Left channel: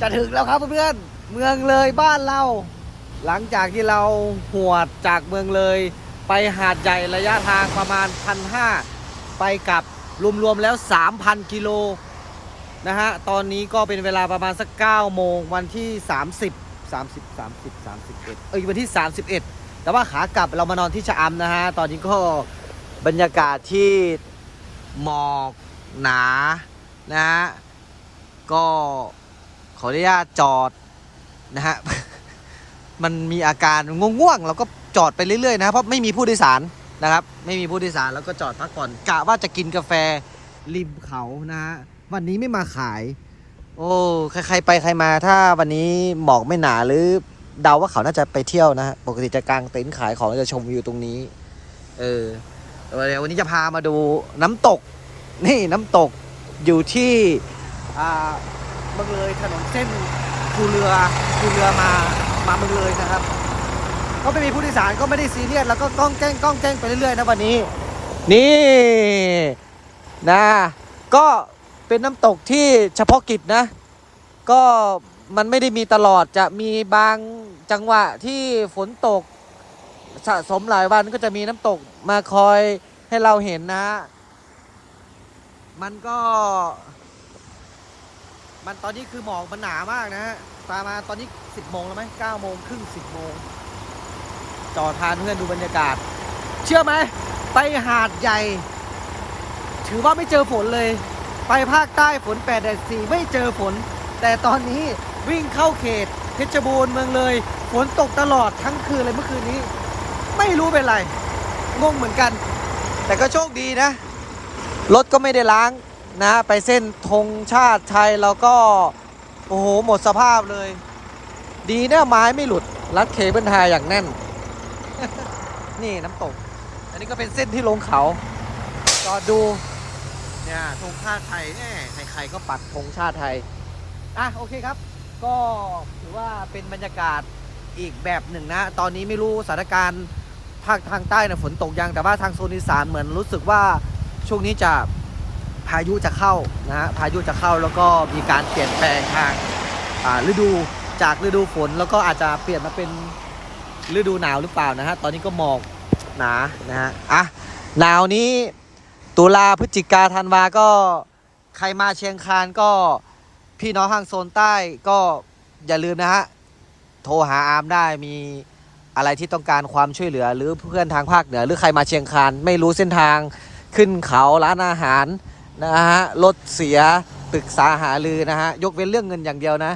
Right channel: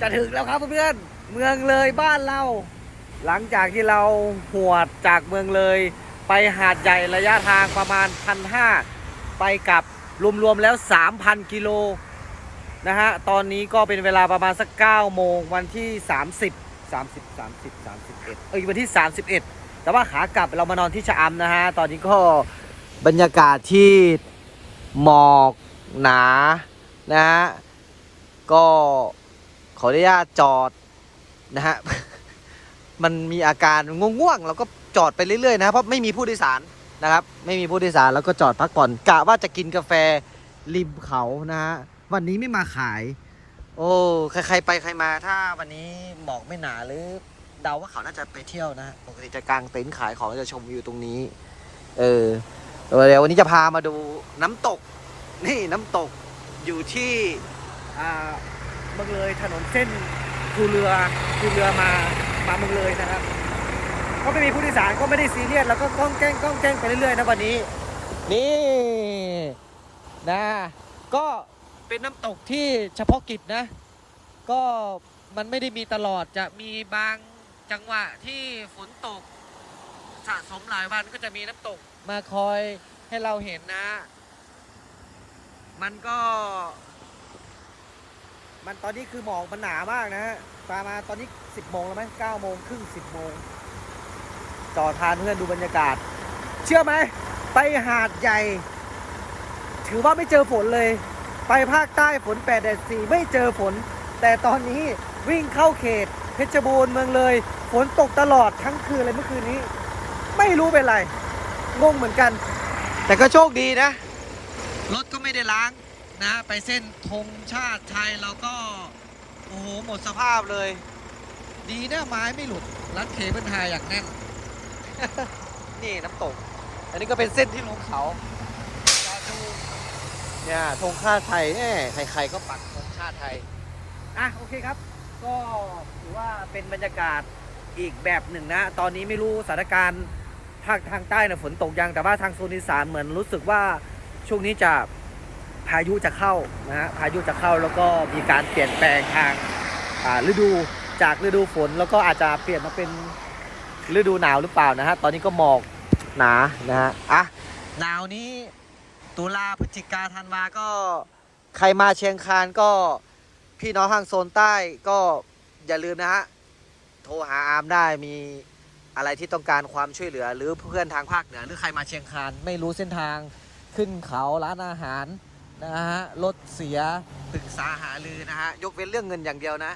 จะถึงแล้วครับเพื่อนๆเมืองเลยบ้านเรา หลังจากที่เราหวดจากเมืองเลย ไปหาดใหญ่ระยะทางประมาณพันห้าไปกลับรวมๆแล้ว 3,000 กิโลนะฮะตอนนี้ก็เป็นเวลาประมาณสัก9โมงวันที่ 30 30 30 31เอ้ยวันที่ 31 แต่ว่าขากลับเรามานอนที่ชะอำนะฮะตอนนี้ก็บรรยากาศที่หมอกหนานะฮะก็ ขออนุญาตจอดนะฮะ มันมีอาการง่วงๆเราก็จอดไปเรื่อยๆนะเพราะไม่มีผู้โดยสารนะครับ ไม่มีผู้โดยสารแล้วก็จอดพักผ่อนกะว่าจะกินกาแฟริมเขานะฮะวันนี้ไม่มาขาย โอ้ใครๆไปใครมาถ้าวันนี้หมอกไม่หนาหรือเดาว่าเขาน่าจะไปเที่ยวนะฮะปกติจะกางเต็นท์ขายของจะชมวิวตรงนี้ เออเดี๋ยววันนี้จะพามาดูน้ำตก นี่น้ำตกอยู่ที่อ่า มืองเลยถนนเส้นภูเรือภูเรือมามาเมืองเลยนะครับก็ไม่มีผู้โดยสารก็ไม่ได้ซีเรียสแล้วก็ก้องแจ้งก้องแจ้งไปเรื่อยๆนะวันนี้ นี่นะก็เป็นน้ำตกที่เฉพาะกิจนะ ก็มันไม่ได้มีตลอดจะมีบางจังหวะที่ฝนตกสะสมหลายวันก็จะมีน้ำตกมาคอยให้เราเห็นนะฮะมันก็ มันตอนนี้คือหมอกมันหนามากนะฮะประมาตอนนี้ 10โมงแล้วไหม9โมงครึ่ง10โมงจอดพาเพื่อนดูบรรยากาศ เชื่อไหม ไปหาดใหญ่ ถือว่าไม่เจอฝนเลย ไปภาคใต้ฝนแปดแดดสี่ไม่เจอฝน แต่ตอนนี้วิ่งเข้าเขต เพชรบูรณ์เมืองเลย ฝนตกตลอดทั้งคืนเลยเมื่อคืนนี้ ไม่รู้เป็นไร งงเหมือนกัน แต่ก็โชคดีนะ รถก็ไม่ได้ล้าง นะไปเส้นธงชาติไทยแล้วก็ โอ้โห หมดสภาพเลย ดีนะไม้ไม่หลุด รัดเคเบิลไทยอย่างแน่น นี่น้ำตก อันนี้ก็เป็นเส้นที่ลงเขาจอดดู เนี่ยธงชาติไทยแน่ใครๆก็ปักธงชาติไทย อะ โอเคครับ ก็ถือว่าเป็นบรรยากาศอีกแบบหนึ่งนะ ตอนนี้ไม่รู้สถานการณ์ภาคทางใต้นะฝนตกยัง แต่ว่าทางโซนอีสานเหมือนรู้สึกว่าช่วงนี้จะ พายุจะเข้านะฮะพายุจะเข้าแล้วก็มีการเปลี่ยนแปลงทางฤดูจากฤดูฝนแล้วก็อาจจะเปลี่ยนมาเป็นฤดูหนาวหรือเปล่านะฮะตอนนี้ก็หมอกหนานะฮะอะหนาวนี้ตุลาพฤศจิกาธันวาก็ใครมาเชียงคานก็พี่น้องทางโซนใต้ก็อย่าลืมนะฮะโทรหาอาร์มได้มีอะไรที่ต้องการความช่วยเหลือ หรือเพื่อนทางภาคเหนือ หรือใครมาเชียงคานไม่รู้เส้นทางขึ้นเขาร้านอาหาร นะฮะรถเสียปรึกษาหารือนะฮะยกเว้นเรื่องเงินอย่างเดียวนะ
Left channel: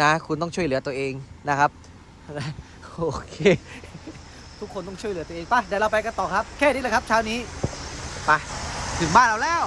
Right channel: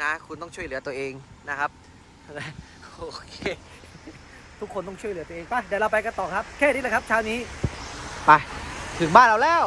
นะคุณต้องช่วยเหลือตัวเองนะครับโอเค ทุกคนต้องช่วยเหลือตัวเองไป่ะเดี๋ยวเราไปกันต่อครับ แค่นี้แหละครับเช้านี้ไปถึงบ้านเราแล้ว